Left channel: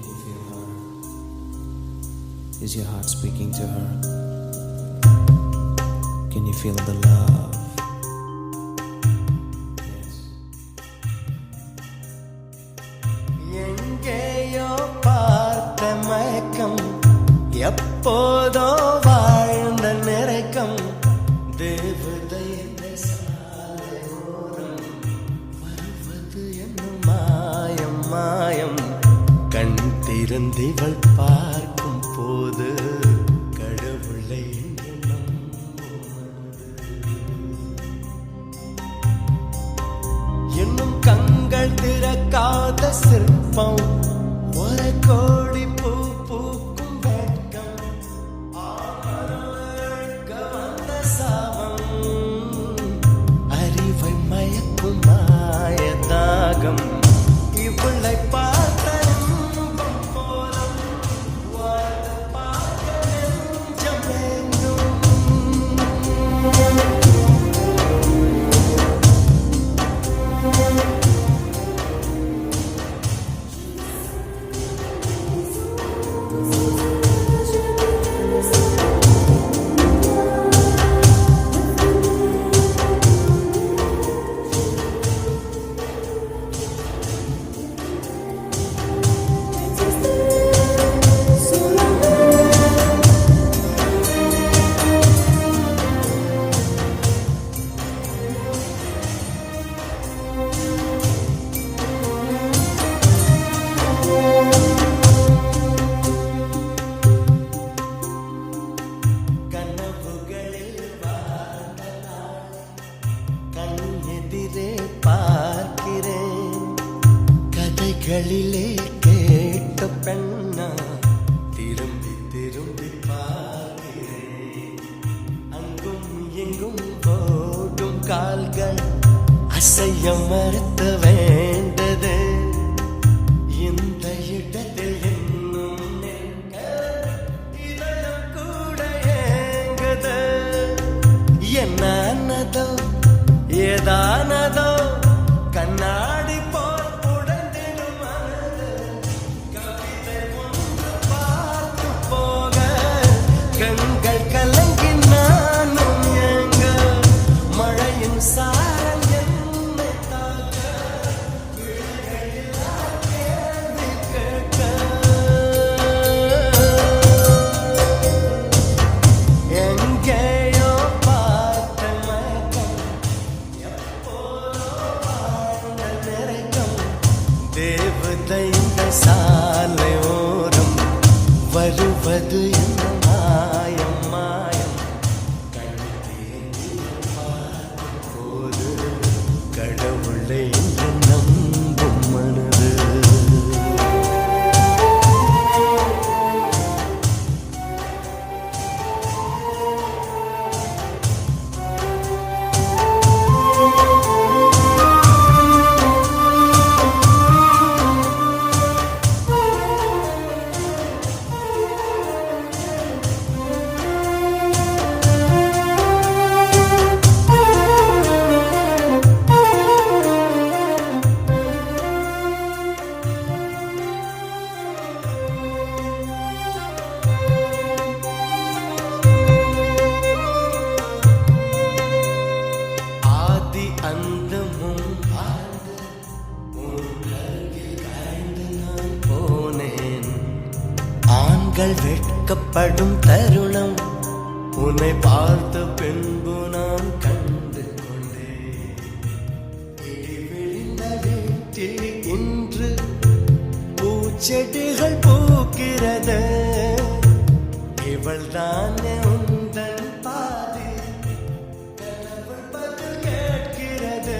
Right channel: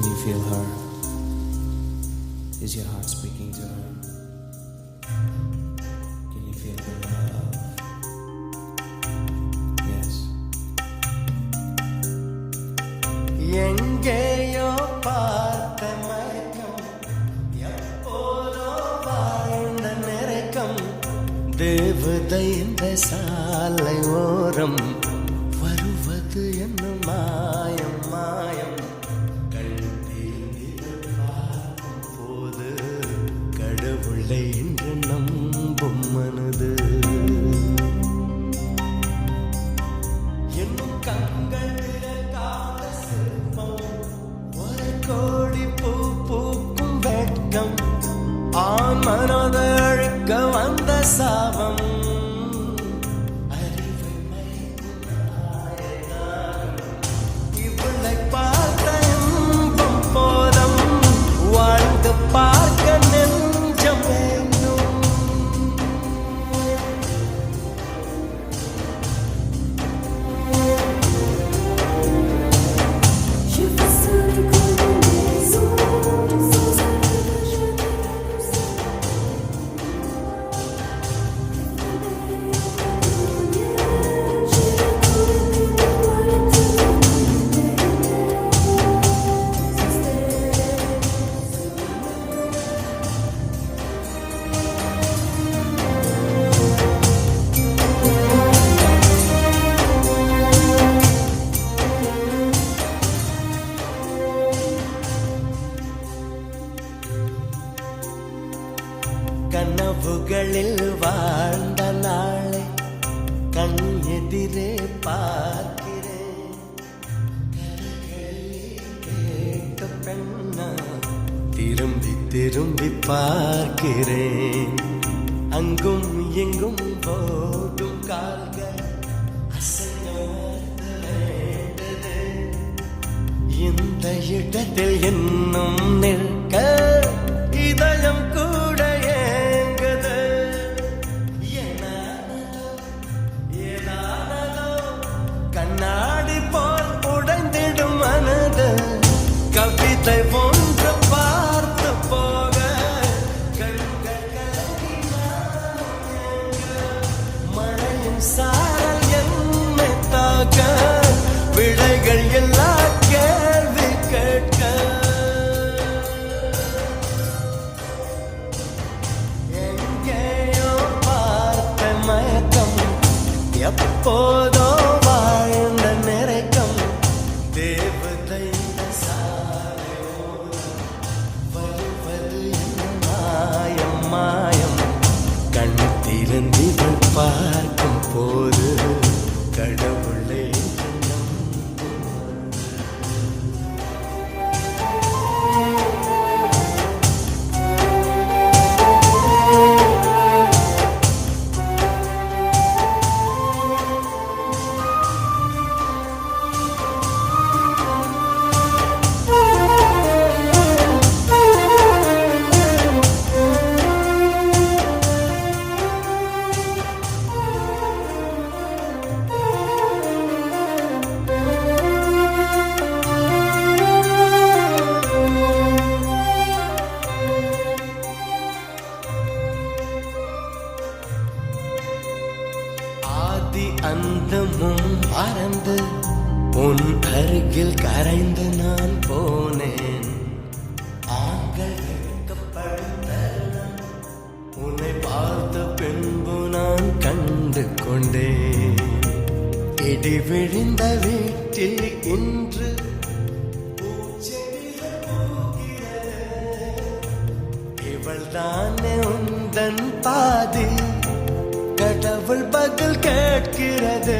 Can you feel her? Is your heart speaking to her? Can you feel the love? Yes. எங்கேயோ பார்த்த மயக்கம், எப்போதோ வாழ்ந்த நிறைக்கம், தேவதை இந்த சாலை ஓரம் வருவது என்ன மாயம் மாயம். கண் திறந்திவள் பார்க்கும் போது கடவுளை என்று நம்பும் மனது. இன்னும் கண்கள் திறக்காத சிற்பம், ஒரு கோடி பூ பூக்கும் வெட்கம், ஆண் மனதழுக்க வந்த சாபம், அறிவை மயக்கும் மாயதாகம். இவளை பார்த்த இன்பம் போதும், வாழ்ந்து பார்க்க நெஞ்சம் வேண்டும். கனவுகளில் வாழ்ந்த நாளை கண் எதிரே பார்க்கிறேன். கதைகளிலே கேட்ட பெண்ணா திரும்பி திரும்பி பார்க்கிறேன். அங்கும் எங்கும் ஓடும் கால்கள் அசைய மறுத்து வேண்டது. இந்த இடத்தில் இன்னும் நிற்க இதயம் கூட ஏங்குது. என்னதோ ஏதானதோ கண்ணாடி போல் உடைந்திடும் மனது. கவிதை ஒன்று பார்த்து போக கண்கள் கலங்கி நானும் ஏங்க. மழையின் சாரல் என்னை தாக்க விடைகள் எல்லா கேள்வி கேட்க. எங்கேயோ பார்த்த மயக்கம், எப்போதோ வாழ்ந்த நிறைக்கம், தேவதை இந்த சாலை ஓரம் வருவது என்ன மாயம் மாயம். கண் திறந்திவள் பார்க்கும் போது கடவுளை என்று நம்பும் மனது. அந்தமும் மறந்து உன் அருகில் கரைந்து நான் போனேன். ஆண்கள் வெட்கப்படும் தருணம் உன்னை பார்த்த பின்பு நான் கண்டு கொண்டேன். இடி விழுந்த வீட்டில் இன்று பூச்செடிகள் பூக்கிறது. இவள் தானே உந்தன் பாதி, கடவுள் பதில் கேட்கிறது.